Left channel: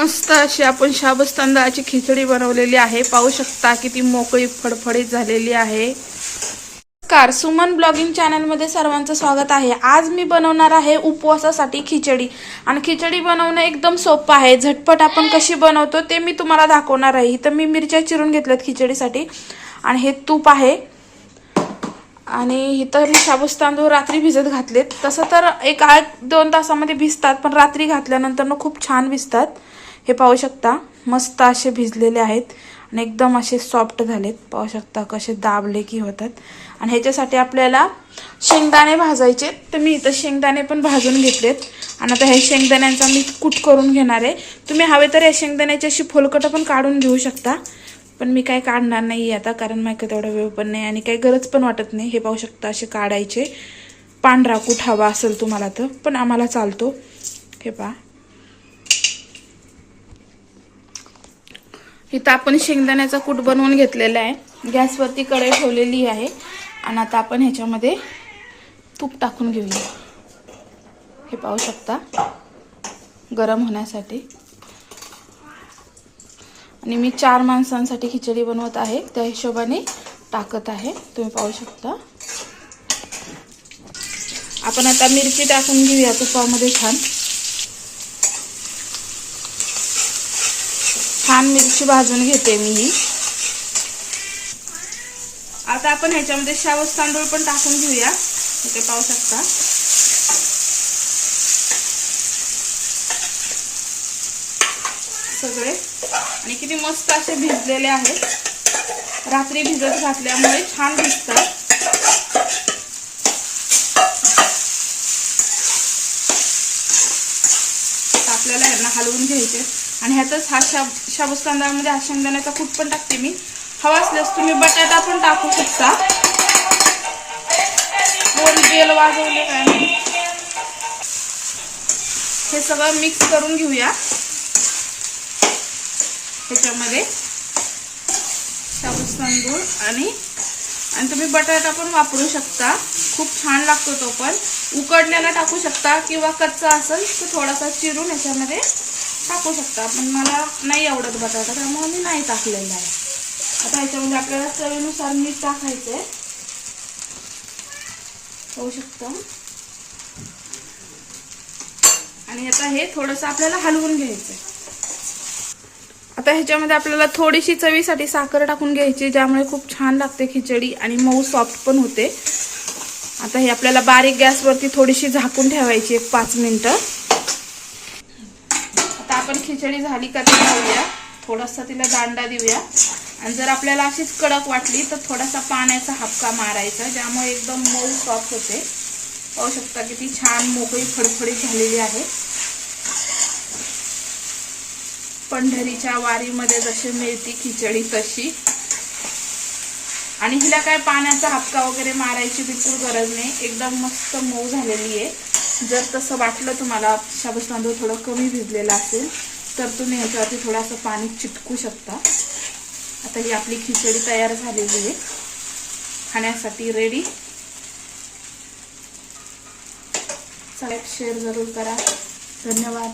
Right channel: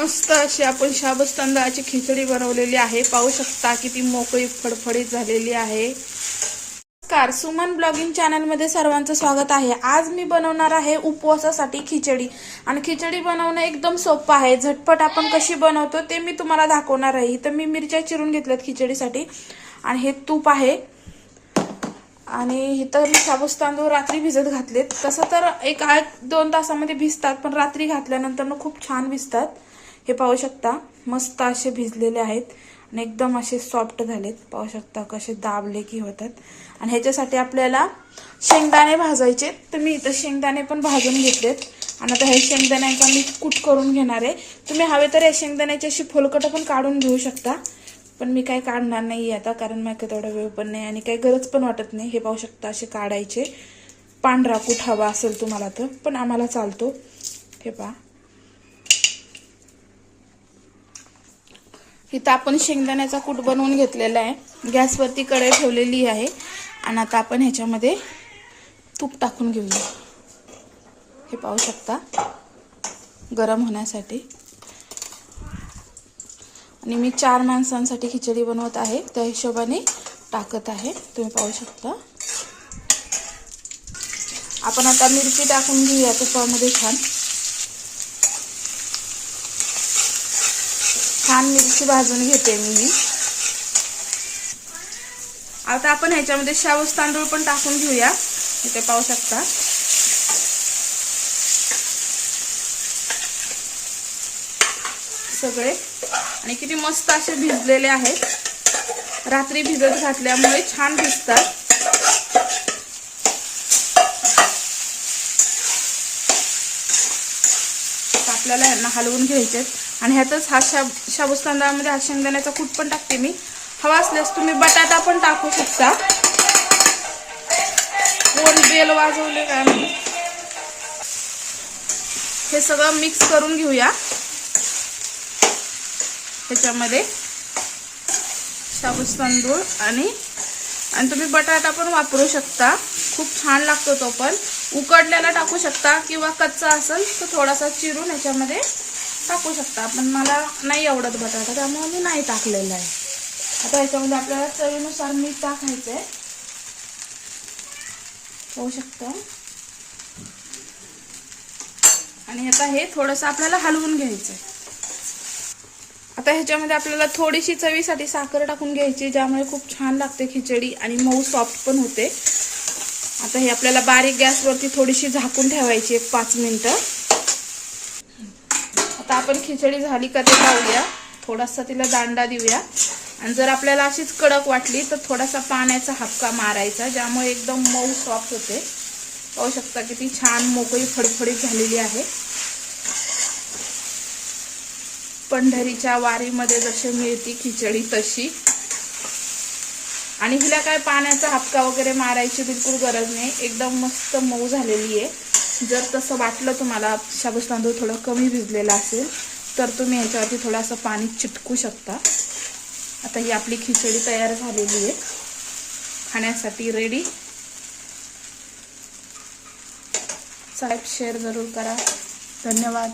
मस्त अशी आपण शाबस तांदळाची खिचडी बनवलेली आहे. पाहू शकता किती मोकळी फडफडीत झालेली आहे. नमस्कार सुमन ब्लॉगिंग चॅनलमध्ये सर्वांचं स्वागत आहे. आज मी बनवणार आहे उपवासासाठी खिचडी. आणि खिचडी बनवणं एकदम सोपं आहे. झटपट आपण कशी बनवतो ते मी तुम्हाला दाखवणार आहे. इथं मी मिरच्या चिरून घेतल्यात खिचडीसाठी. आणि हे तूप आहे. आणि इथं मी शाबूस तांदूळ रात्री भिजत घातलेत. तसं तर एक आठ दोन तासामध्ये भिजतात पण रात्री घातल्यानंतर ना खूप छान भिजतात. हे पाहू शकता मस्त असे भिजलेले आहेत आणि एकदम असे सॉफ्ट झालेत. पाहू शकता कसे दाबले की होतात. आणि ह्याच्यासाठी आपल्याला शेंगदाणे भाजायचे. तर मी इथं शेंगदाणे पण भाजून घेतलेत. आणि आता हे शेंगदाण्यांचा मी कूट करून घेणार आहे. तुम्ही हवे तर या शेंगदाण्याची अशी फोलकटं पण काढून घेऊ शकता. पण मी काय काढणार नाही आता कारण माझ्या तेवढा वेळ पण नाही आणि काही गरज पण वाटत नाही. हे पाहू शकता असे काढायचे. पांढरा कूट हवा असेल तुम्हाला तर पण आम्हाला चालतो. हे पहा. इथं आपण शेंगदाण्याचा कूट बनवून घेतलेला आहे. गॅसवरती कढई ठेवलेली आहे. आणि आता आपण ह्याच्यामध्ये तूप टाकून घेऊया. हे पाहू शकता. गरम होण्यासाठी. आणि मी चार माणसांसाठी खिचडी बनवत आहे. त्या हिशोबाने टाकत आहे. तुम्ही पाहू शकता. आपण आता मिरची टाकून घेऊया तुपामध्ये छान. छान मिरची भाजून घेते मी. ही आता आपण ह्याच्यामध्ये शाबूस तांदूळ पण टाकून घेऊया. इथे पाहू शकता. सगळे. आणि किती मस्त असे भिजलेले आहेत. रात्री भिजत घातल्यामुळे छान भिजतात आपल्याला यांना हलवून घ्यायचे आणि ह्यातच हा शाब शाबूस तांदळामध्ये हा शेंगदाण्याचा कूट पण टाकते मी. हवा असल्यास तुम्ही बटाटा पण टाकू शकता. दोन बेल वाजवले काय हे सगळं मिक्स करून घेऊया. त्याच्यामध्ये शाबूस तांदूळ आणि आणि तुम्ही बटाटा पण वापरू शकता. खूप छान लागतो तो पण. उकडण्याला टाकू शकता किंवा कच्चा असेल तर थोडासा चिरून याच्यामध्ये टाकू शकता पण मला नाही आवडत बटाटा त्यामुळे मी नाही टाकलेला आहे. आता ह्याच्यामध्ये आपल्याला चवीनुसार मीठ टाकायचं आहे होऊ शकतं. आणि आता हे थोडंसं आपल्याला हलवून घ्यायचं आहे आता ह्याच्यामध्ये आपल्याला थोडीशी चवीसाठी साखर टाकून घ्यायची ज्यामुळे खूप छान लागते खिचडी आणि मऊ सॉफ्ट पण होते. आता हे आपल्याला बारीक गॅसवरती थोडीशी झाकून ठेवायची एक पाच मिनिटं. आपण खिचडी झाली का ते लावूया थोडासा तिला दांडा देऊया. आणि जर आपल्याला अशीच कडक वाटली तर थोडासा पाण्याचा हपका मारायचा ज्यामुळे एकदम मऊ सॉफ्ट होते. पाहू शकता किती छान मोकळी फडफडीत झालेली आहे. पंढरीच्या वारीमध्ये जशी मिळती खिचडी तशी. आणि हिला काय पाण्याचा हपका वगैरे मारायची बिलकुल गरज नाही. एकदम मस्त मऊ झालेली आहे. जर तसं वाटलं तुम्हाला शाबूस तांदूळ थोडं कमी भिजलेलं असेल तर तुम्ही ह्याच्यावरती थोडंसं पाणी चिटकू शकता. आता ही आपली खिचडी तयार झालेली आहे. खाण्यासाठी रेडी लाईक शेअर जरूर करा. धन्यवाद.